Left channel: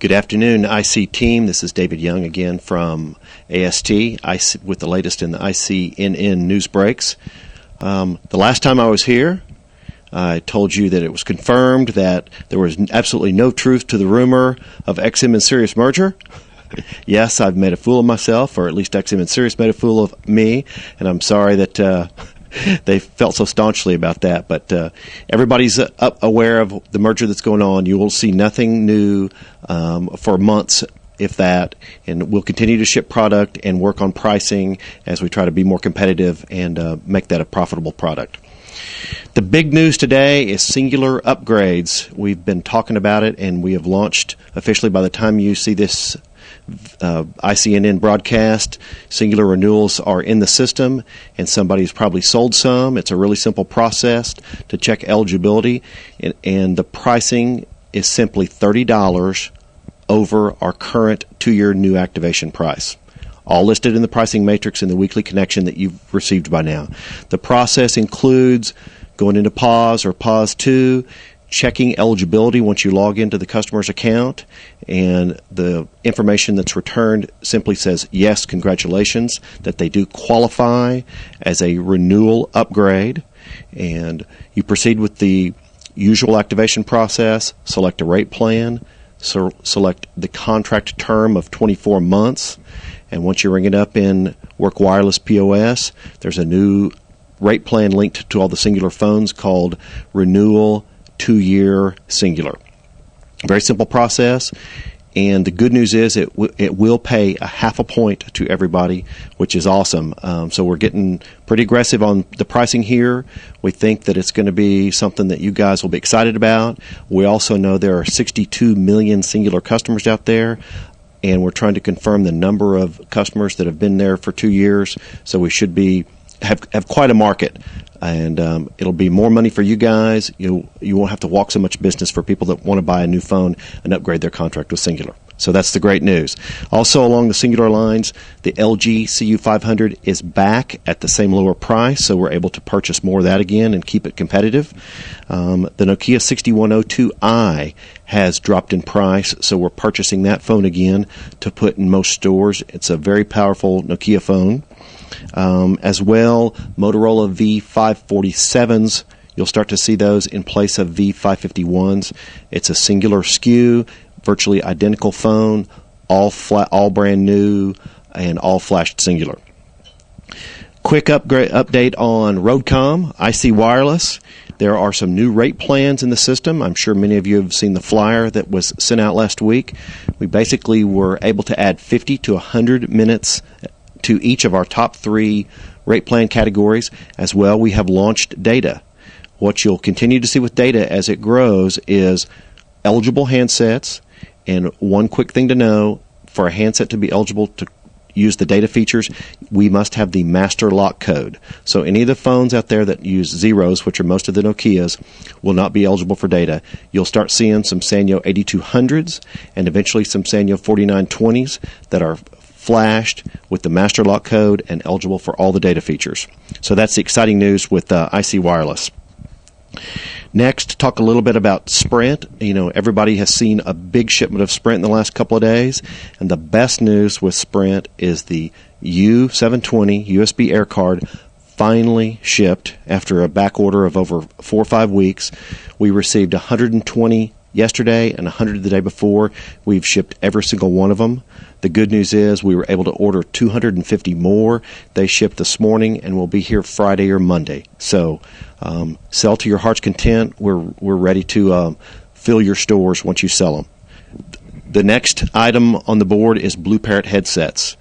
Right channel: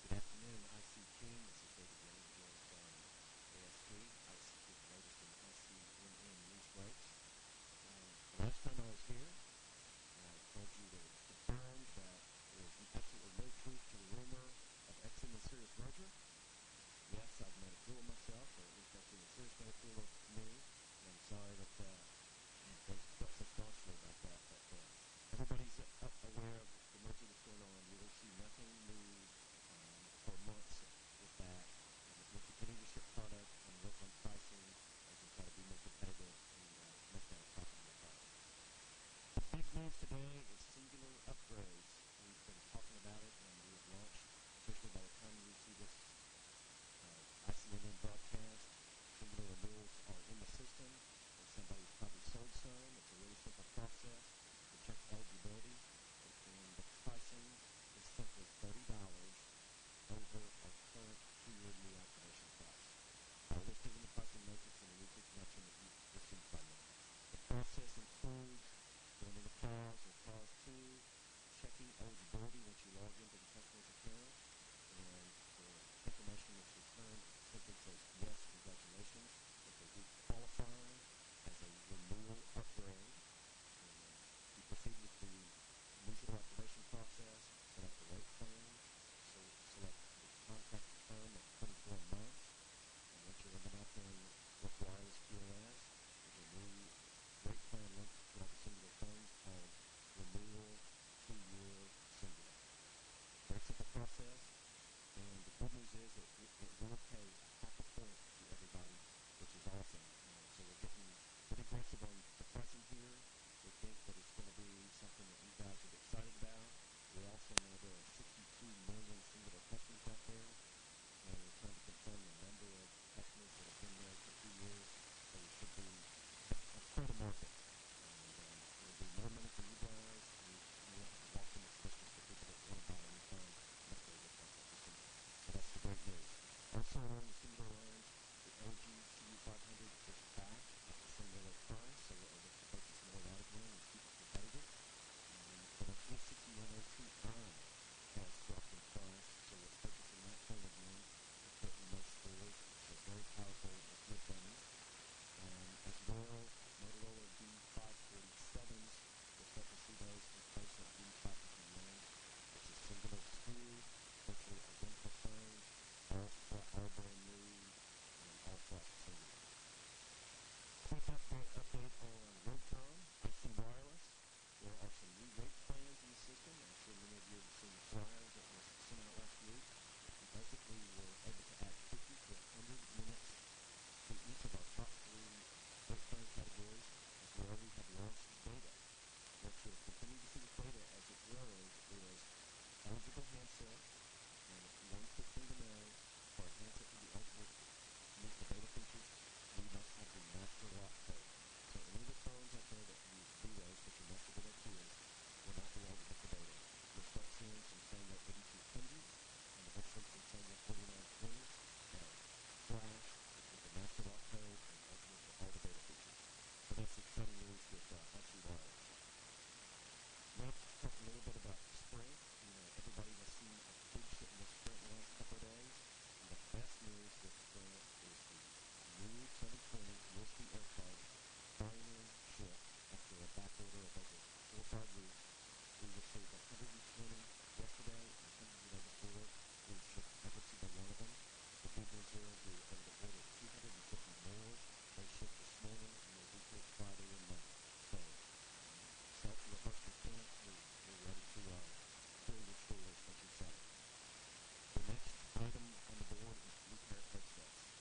Good afternoon, IC team. This is David Young again from AST with the latest in the ICNN news breaks. The last time I was here, I told you that it was confirmed that there was absolutely no truth to the rumor of XM and Sirius merger. Yes, I've made a fool of myself, or at least XM and Sirius made a fool of me, and I'm sorry that they felt so staunchly about that. But everybody's aware of the merger that's going on. You will see nothing new for months, if that, and we'll continue to ship product and work on pricing as we try to be more competitive and make that a profitable product. The big news today is Singular upgrades. We've been talking about it, and we have launched officially. By the time you see this ICNN broadcast, Singular renewals are in the system, and somebody's probably sold some. It's a really simple process to check eligibility, and the pricing is simply $30 over our current 2-year new activation price. All listed in the pricing matrix in the weekly connection that you've received by now. The process includes going into pause or pause 2, checking eligibility once you log into the customer's account, and the information that's returned simply says, yes, congratulations, that they do qualify as a renewal upgrade. And you proceed with the usual activation process, select a rate plan, select the contract term of 24 months, and once you ring it up in Work Wireless POS, there's a new rate plan linked to all the Singular phones called Renewal 2-Year Singular. Very simple process, and the good news is it will pay a half a point to everybody, which is awesome. So we're getting pretty aggressive on the pricing here. We think that it's going to be something that you guys will be excited about. We also know there are 62 million Singular customers out there, and we're trying to confirm the number of customers that have been there for 2 years. So we should have quite a market. And it'll be more money for you guys. You won't have to walk so much business for people that want to buy a new phone and upgrade their contract with Singular. So that's the great news. Also, along the Singular lines, the LG CU500 is back at the same lower price, so we're able to purchase more of that again and keep it competitive. The Nokia 6102i has dropped in price, so we're purchasing that phone again to put in most stores. It's a very powerful Nokia phone. As well, Motorola V547s, you'll start to see those in place of V551s. It's a Singular SKU, virtually identical phone, all brand new, and all flashed Singular. Quick update on Roadcom, IC Wireless. There are some new rate plans in the system. I'm sure many of you have seen the flyer that was sent out last week. We basically were able to add 50 to 100 minutes to each of our top 3 rate plan categories. As well, we have launched data. What you'll continue to see with data as it grows is eligible handsets, and one quick thing to know, for a handset to be eligible to use the data features, we must have the master lock code. So any of the phones out there that use zeros, which are most of the Nokias, will not be eligible for data. You'll start seeing some Sanyo 8200s and eventually some Sanyo 4920s that are flashed with the master lock code and eligible for all the data features. So that's the exciting news with IC Wireless. Next, talk a little bit about Sprint. You know, everybody has seen a big shipment of Sprint in the last couple of days, and the best news with Sprint is the U720 USB air card finally shipped after a back order of over 4 or 5 weeks. We received 120 yesterday and 100 the day before. We've shipped every single one of them. The good news is we were able to order 250 more. They shipped this morning and will be here Friday or Monday. So sell to your heart's content. We're ready to fill your stores once you sell them. The next item on the board is Blue Parrot headsets.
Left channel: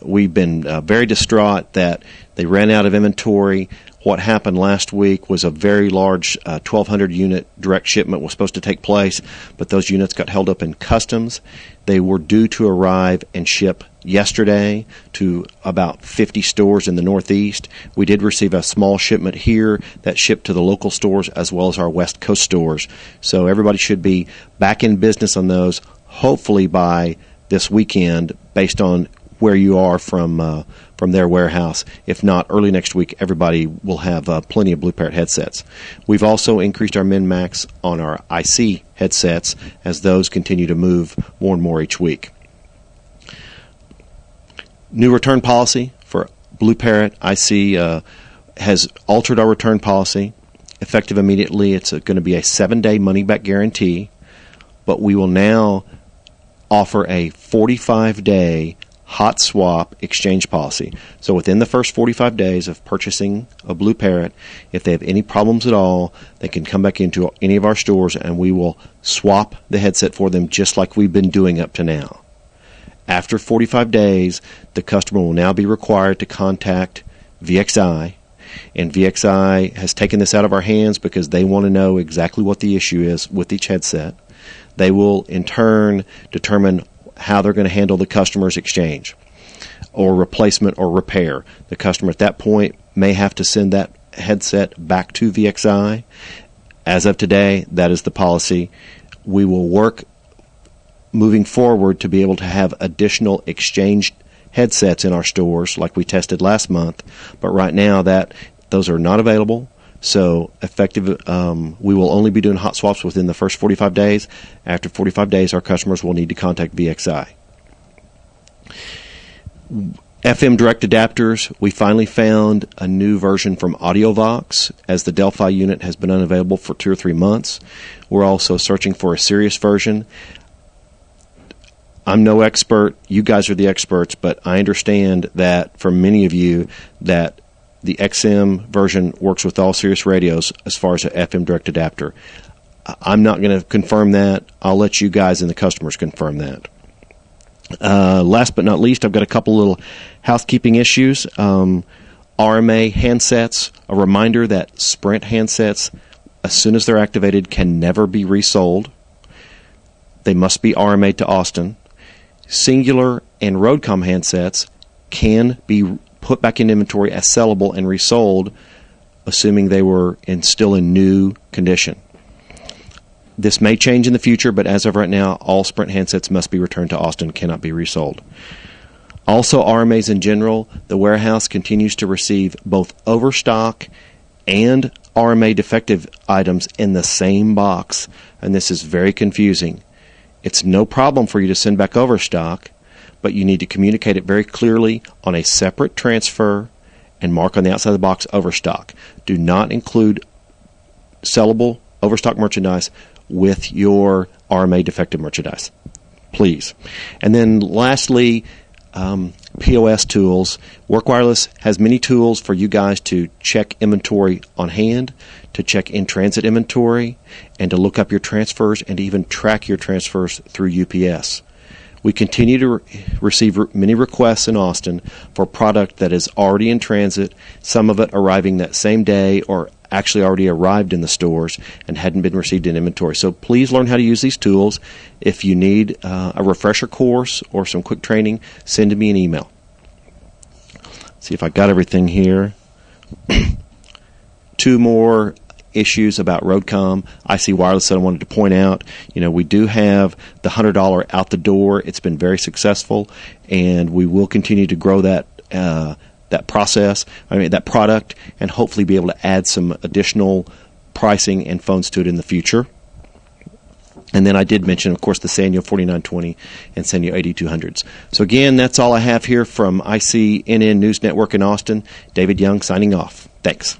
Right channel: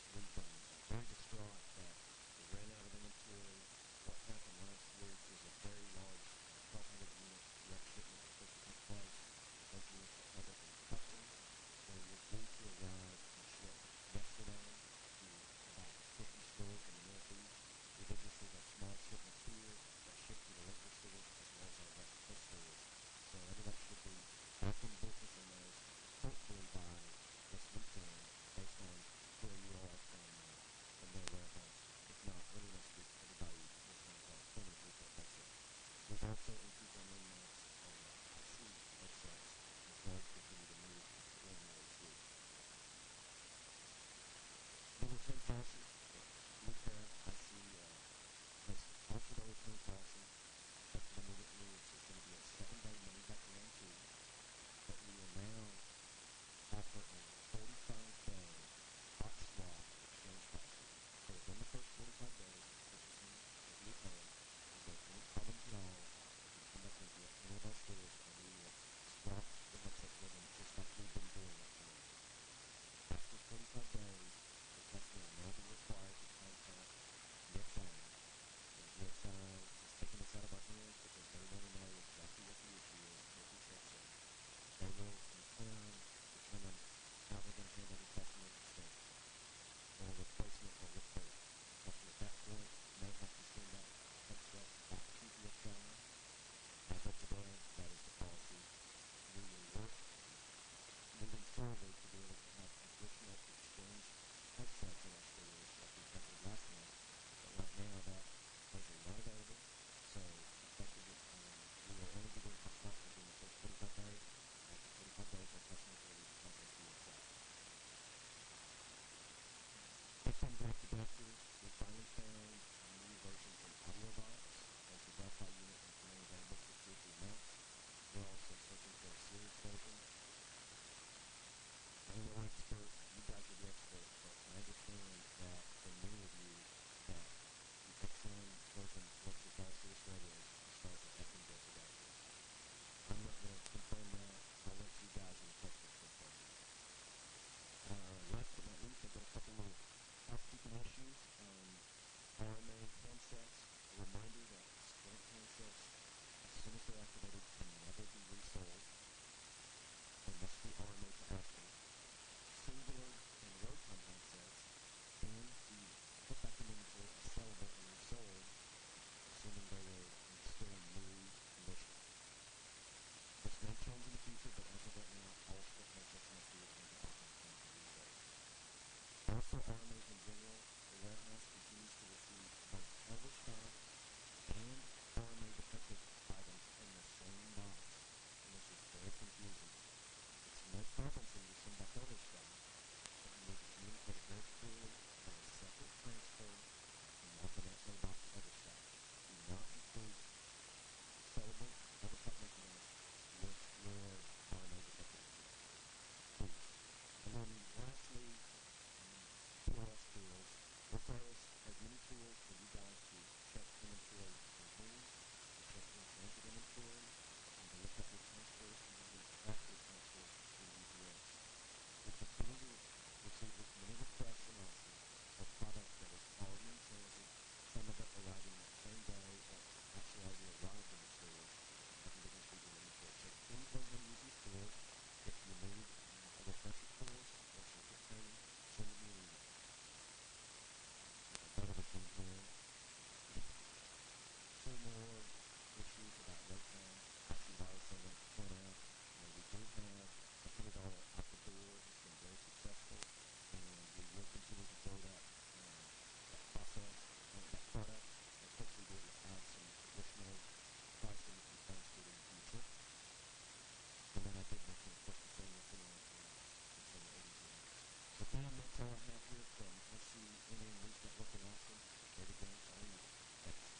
We've been very distraught that they ran out of inventory. What happened last week was a very large 1,200 unit direct shipment was supposed to take place, but those units got held up in customs. They were due to arrive and ship yesterday to about 50 stores in the Northeast. We did receive a small shipment here that shipped to the local stores as well as our West Coast stores. So everybody should be back in business on those, hopefully by this weekend, based on where you are from from their warehouse. If not, early next week, everybody will have plenty of Blue Parrot headsets. We've also increased our min-max on our IC headsets as those continue to move more and more each week. New return policy for Blue Parrot IC has altered our return policy. Effective immediately, it's going to be a 7-day money-back guarantee, but we will now offer a 45-day hot swap exchange policy. So within the first 45 days of purchasing a Blue Parrot, if they have any problems at all, they can come back into any of our stores and we will swap the headset for them just like we've been doing up to now. After 45 days, the customer will now be required to contact VXI, and VXI has taken this out of our hands because they want to know exactly what the issue is with each headset. They will in turn determine how they're going to handle the customer's exchange or replacement or repair. The customer at that point may have to send that headset back to VXI. As of today, that is the policy. We will work moving forward to be able to have additional exchange headsets in our stores like we tested last month, but right now those are not available. So effective, we will only be doing hot swaps within the first 45 days. After 45 days, our customers will need to contact VXI. FM direct adapters, we finally found a new version from AudioVox, as the Delphi unit has been unavailable for 2 or 3 months. We're also searching for a Sirius version. I'm no expert. You guys are the experts, but I understand that for many of you that the XM version works with all Sirius radios as far as an FM direct adapter. I'm not going to confirm that. I'll let you guys and the customers confirm that. Last but not least, I've got a couple little housekeeping issues. RMA handsets, a reminder that Sprint handsets, as soon as they're activated, can never be resold. They must be RMA to Austin. Singular and Roadcom handsets can be put back in inventory as sellable and resold, assuming they were still in new condition. This may change in the future, but as of right now, all Sprint handsets must be returned to Austin, cannot be resold. Also, RMAs in general, the warehouse continues to receive both overstock and RMA defective items in the same box, and this is very confusing. It's no problem for you to send back overstock, but you need to communicate it very clearly on a separate transfer and mark on the outside of the box overstock. Do not include sellable overstock merchandise with your RMA defective merchandise, please. And then lastly, POS tools. Work Wireless has many tools for you guys to check inventory on hand, to check in-transit inventory, and to look up your transfers and to even track your transfers through UPS. We continue to receive many requests in Austin for product that is already in transit, some of it arriving that same day or actually already arrived in the stores and hadn't been received in inventory. So please learn how to use these tools. If you need a refresher course or some quick training, send me an email. See if I got everything here. 2 more issues about Roadcom IC Wireless that I wanted to point out. We do have the $100 out the door. It's been very successful, and we will continue to grow that product, and hopefully be able to add some additional pricing and phones to it in the future. And then I did mention, of course, the Sanyo 4920 and Sanyo 8200s. So again, that's all I have here from ICNN News Network in Austin. David Young signing off. Thanks.